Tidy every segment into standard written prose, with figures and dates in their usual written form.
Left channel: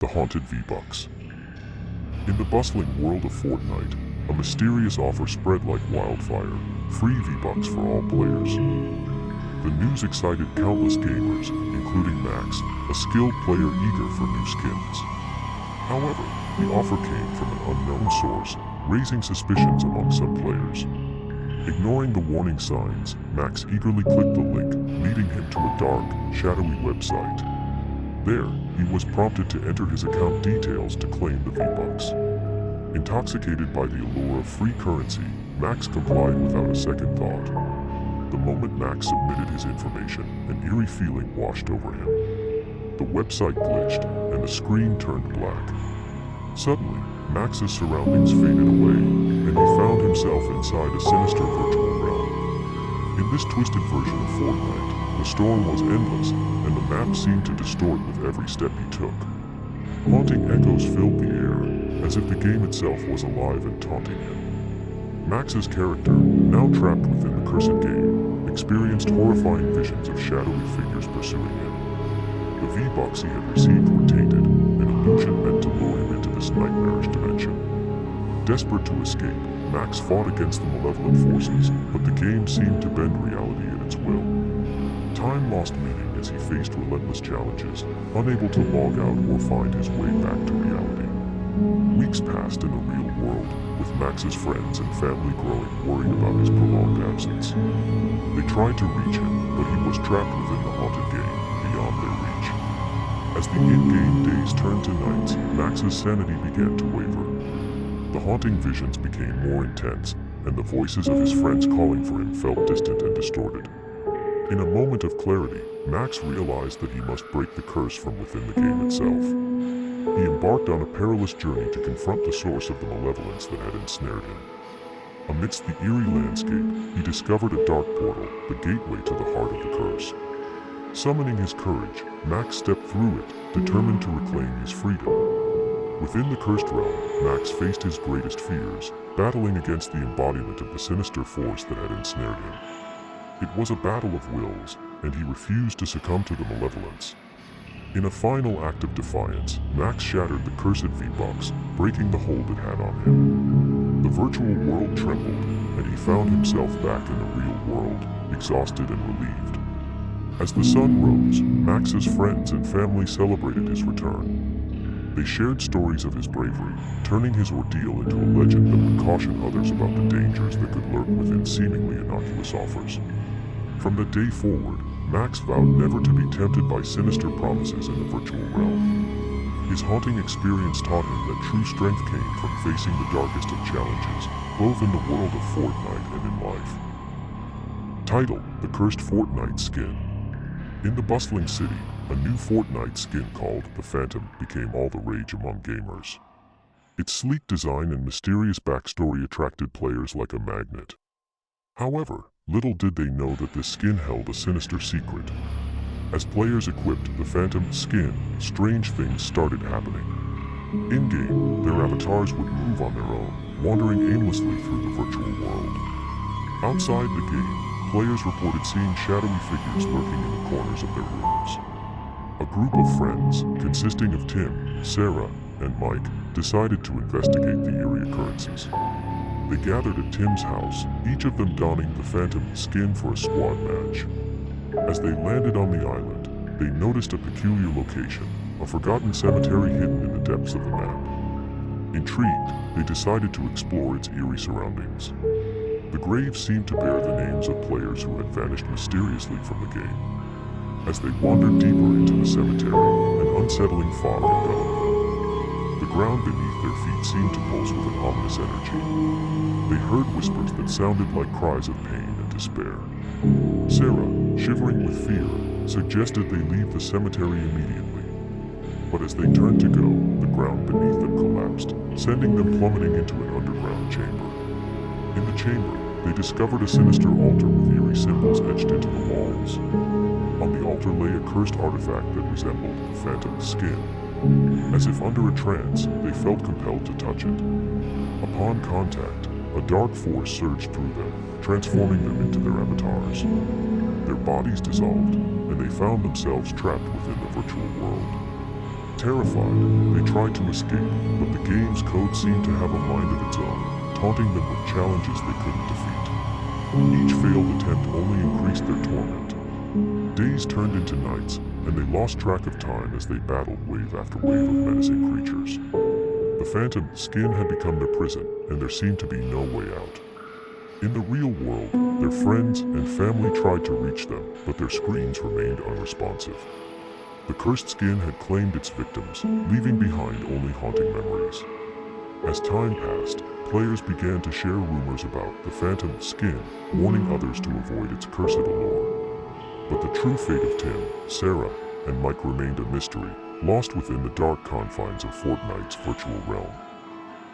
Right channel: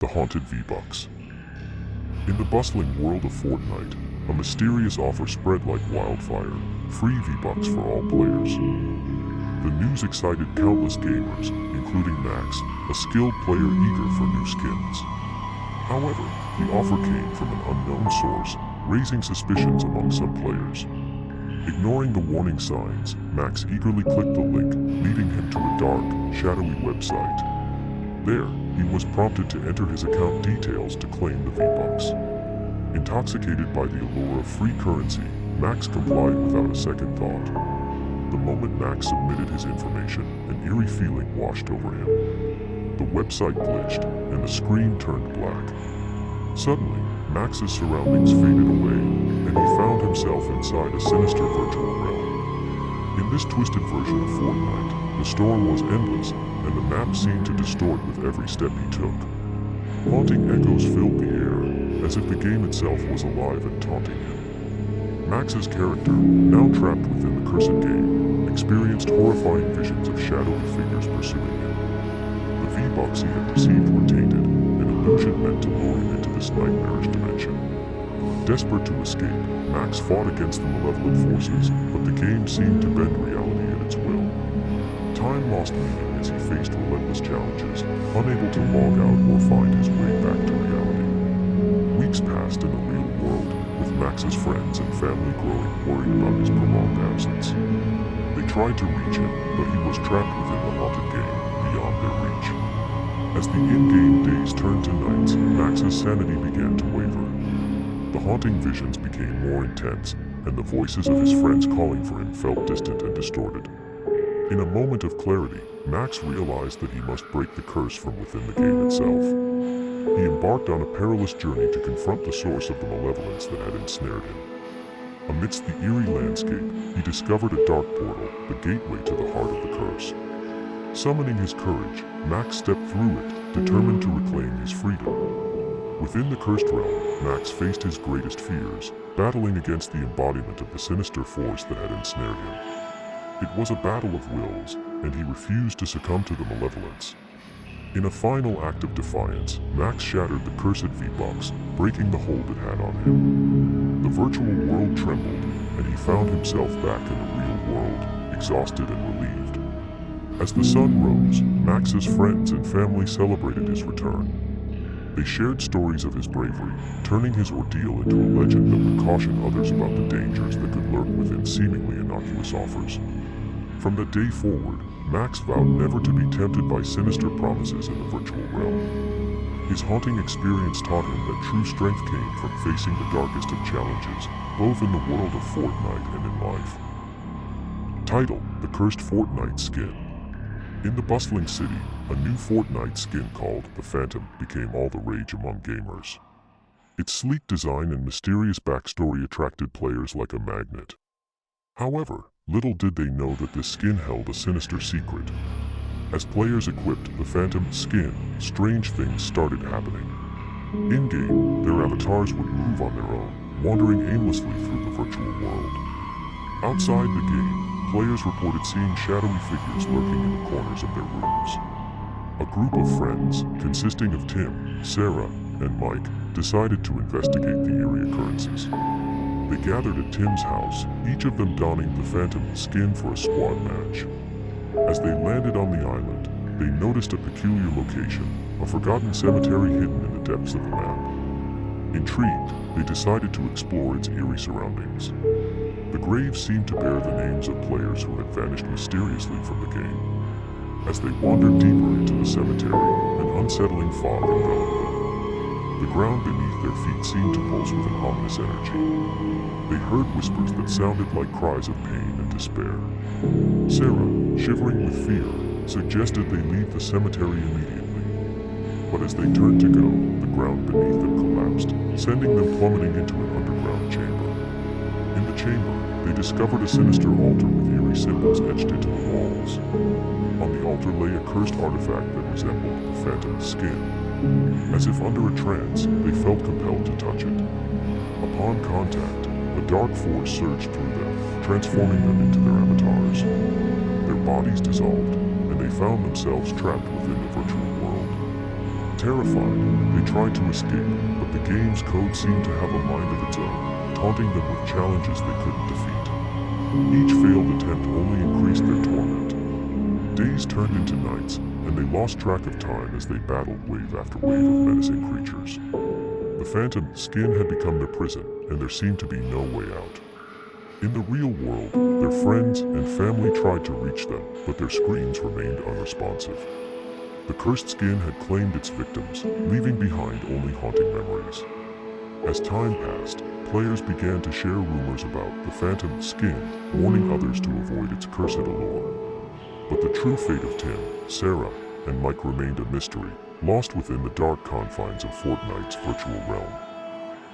The Haunted V-Bucks. In the bustling world of Fortnite, a mysterious offer spread like wildfire: free V-Bucks for all players. The news excited countless gamers, including Max, a skilled player eager for new skins. However, the offer came from an unknown source, raising suspicions among some players. Ignoring the warning signs, Max eagerly clicked the link, leading him to a dark, shadowy website. There, he was prompted to enter his account details to claim the V-Bucks. Intoxicated by the allure of free currency, Max complied without a second thought. The moment Max submitted his information, an eerie feeling washed over him. The website glitched, and the screen turned black. Suddenly, Max's surroundings faded away, and he found himself inside a sinister virtual realm. In this twisted version of Fortnite, the storm was endless, and the map seemed to distort with every step he took. Haunting echoes filled the air, as if the game itself was alive and taunting him. Max's character, now trapped within the cursed game, experienced horrifying visions of shadowy figures pursuing him. The V-Bucks he had received were tainted, an illusion meant to lure him into this nightmarish dimension. Desperate to escape, Max fought against the malevolent forces, but the game seemed to bend reality at its will. Time lost meaning as he faced relentless challenges, unable to log out or find his way back to reality. Weeks passed in the real world, with Max's friends and family growing worried about his prolonged absence. They tried to reach him, but he was trapped within the haunted game, beyond their reach. As the in-game days turned to nights, Max's sanity began to waver. The haunting visions became more intense, and the voices of his friends calling for him felt distant and distorted. In a moment of clarity, Max realized that he must break the curse from within the game itself. He embarked on a perilous journey to confront the source of the malevolence that had ensnared him. Amidst the eerie landscape, he discovered a dark portal, the gateway to the heart of the curse. Summoning his courage, Max stepped through it, determined to reclaim his freedom. Within the cursed realm, Max faced his greatest fears, battling against the embodiment of the sinister force that had ensnared him. It was a battle of wills, and he refused to succumb to the malevolence. In a final act of defiance, Max shattered the cursed V-Bucks, breaking the hold it had on him. The virtual world trembled, and he found himself back in the real world, exhausted and relieved. As the sun rose, Max's friends and family celebrated his return. They shared stories of his bravery, turning his ordeal into a legend that would caution others about the dangers that could lurk within seemingly innocuous offers. From that day forward, Max vowed never to be tempted by sinister promises in the virtual realm. His haunting experience taught him that true strength came from facing the darkest of challenges, both in the world of Fortnite and in life. Title: The Cursed Fortnite Skin. In the bustling city, a new Fortnite skin called the Phantom became all the rage among gamers. Its sleek design and mysterious backstory attracted players like a magnet. However, little did they know that this skin held a sinister secret. As players equipped the Phantom skin, strange things started happening. In-game, their avatars would move on their own, wandering aimlessly through the virtual world. Outside the game, players reported seeing shadowy figures lurking in the corners of their rooms. A group of friends, consisting of Tim, Sarah, and Mike, decided to investigate the eerie occurrences. They gathered at Tim's house, each of them donning the Phantom skin for a squad match. As they landed on the island, they noticed a peculiar location, a forgotten cemetery hidden in the depths of the map. Intrigued, they decided to explore its eerie surroundings. The graves seemed to bear the names of players who had vanished mysteriously from the game. As they wandered deeper into the cemetery, an unsettling fog enveloped them. The ground beneath their feet seemed to pulse with an ominous energy. They heard whispers that sounded like cries of pain and despair. Sarah, shivering with fear, suggested they leave the cemetery immediately. But as they turned to go, the ground beneath them collapsed, sending them plummeting into an underground chamber. In the chamber, they discovered a sinister altar with eerie symbols etched into the walls. On the altar lay a cursed artifact that resembled the Phantom's skin. As if under a trance, they felt compelled to touch it. Upon contact, a dark force surged through them, transforming them into their avatars. Their bodies dissolved, and they found themselves trapped within the virtual world. Terrified, they tried to escape, but the game's code seemed to have a mind of its own, taunting them with challenges they couldn't defeat. Each failed attempt only increased their torment. Days turned into nights, and they lost track of time as they battled wave after wave of menacing creatures. The phantom skin had become their prison, and there seemed to be no way out. In the real world, their friends and family tried to reach them, but their screens remained unresponsive. The cursed skin had claimed its victims, leaving behind only haunting memories. As time passed, players began to share rumors about the phantom skin, warning others to avoid its cursed allure. But the true fate of Tim, Sarah, and Mike remained a mystery, lost within the dark confines of Fortnite's virtual realm.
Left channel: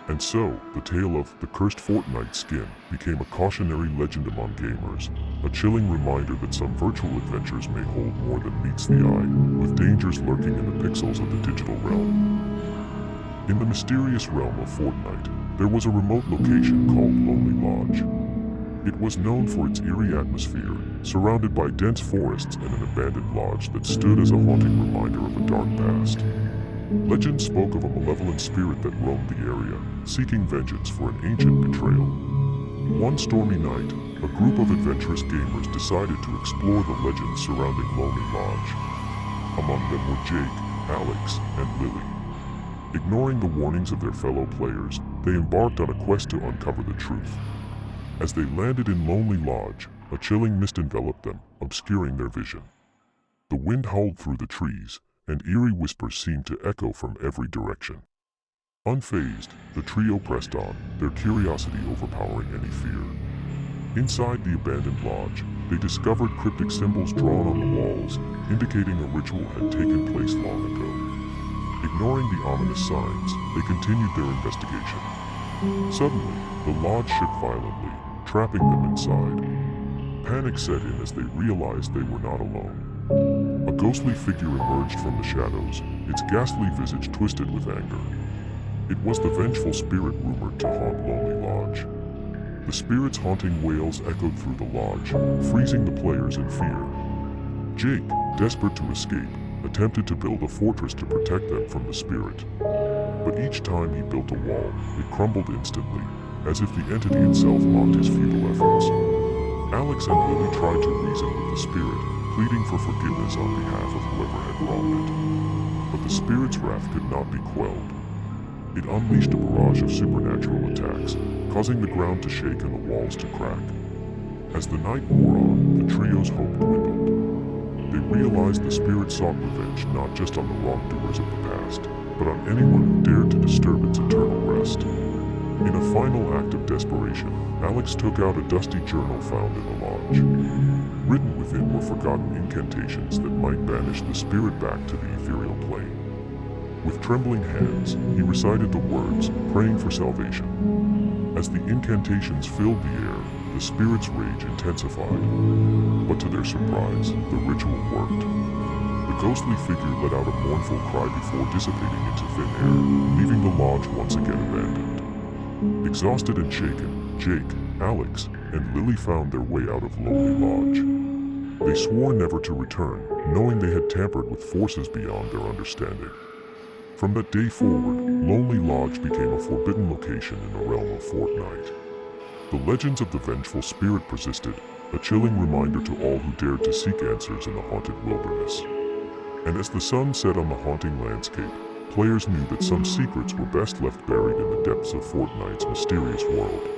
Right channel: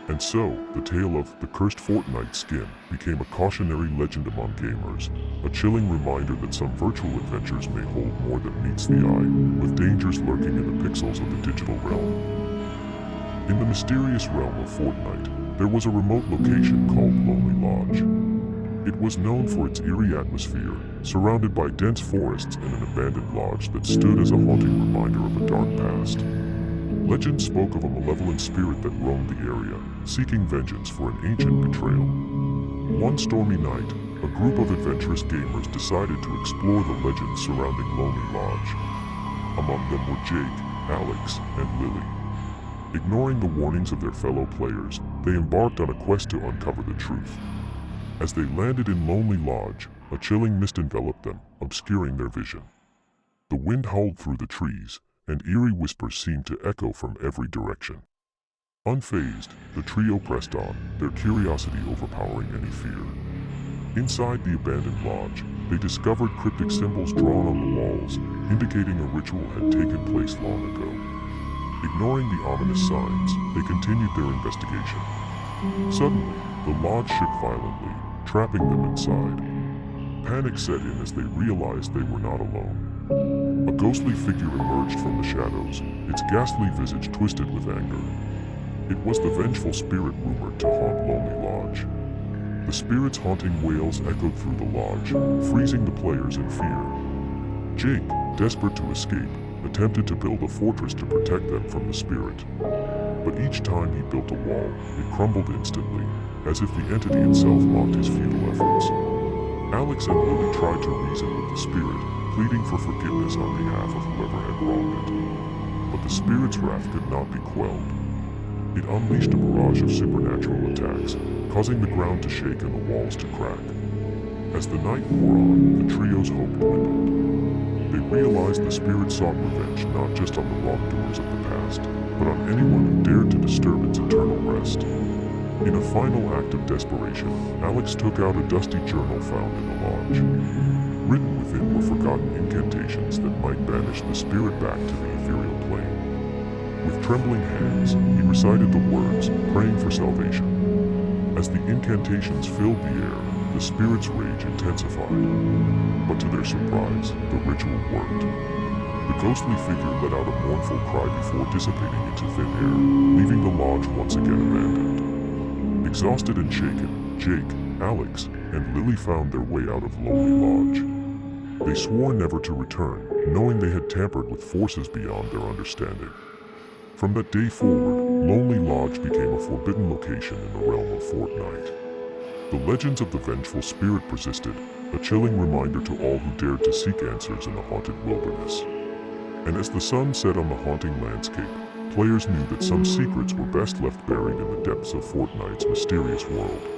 And so, the tale of the cursed Fortnite skin became a cautionary legend among gamers, a chilling reminder that some virtual adventures may hold more than meets the eye, with dangers lurking in the pixels of the digital realm. In the mysterious realm of Fortnite, there was a remote location called Lonely Lodge. It was known for its eerie atmosphere, surrounded by dense forests and an abandoned lodge that stood as a haunting reminder of a dark past. Legend spoke of a malevolent spirit that roamed the area, seeking vengeance for an ancient betrayal. One stormy night, a group of adventurous gamers decided to explore the legends surrounding Lonely Lodge. Among them were Jake, Alex, and Lily. Ignoring the warnings of their fellow players, they embarked on a quest to uncover the truth. As they landed in Lonely Lodge, a chilling mist enveloped them, obscuring their vision. The wind howled through the trees, and eerie whispers seemed to echo from every direction. Unfazed, the trio pressed on, their curiosity overpowering any fear. Inside the abandoned lodge, they discovered cryptic symbols drawn on the walls, indicating a ritual had taken place long ago. Ignoring the ominous signs, they continued their investigation. Suddenly, the lodge shook violently, trapping them inside. Panic set in as they realized they were not alone. A ghostly figure emerged from the shadows, its ghastly visage twisted with anger. It was the vengeful spirit rumored to haunt Lonely Lodge. The spirit's haunting wails echoed through the lodge, freezing the players in fear. Jake, desperate to escape, attempted to build a fortress to protect them from the spirit. But each time he built a wall, it crumbled instantly, as if the entity itself mocked his futile efforts. Alex and Lily tried to reason with the spirit, pleading for forgiveness on behalf of whoever had wronged it. But the spirit's wrath could not be quelled. It unleashed a barrage of supernatural attacks, causing the ground to shake and the walls to crack. As the night wore on, the trio's hope dwindled. They realized the spirit sought revenge not just on the wrongdoers of the past, but on anyone who dared to disturb its eternal rest. In a final act of desperation, Alex took out a dusty journal found in the lodge. Written within were forgotten incantations that might banish the spirit back to the ethereal plane. With trembling hands, he recited the words, praying for salvation. As the incantations filled the air, the spirit's rage intensified. But to their surprise, the ritual worked. The ghostly figure let out a mournful cry before dissipating into thin air, leaving the lodge once again abandoned. Exhausted and shaken, Jake, Alex, and Lily found their way out of Lonely Lodge. They swore never to return, knowing they had tampered with forces beyond their understanding. From that day forward, Lonely Lodge became a forbidden location in the realm of Fortnite. The legends of the vengeful spirit persisted, a chilling reminder to all who dared to seek answers in the haunted wilderness. And as the sun set on the haunting landscape, players knew that some secrets were best left buried in the depths of Fortnite's mysterious world.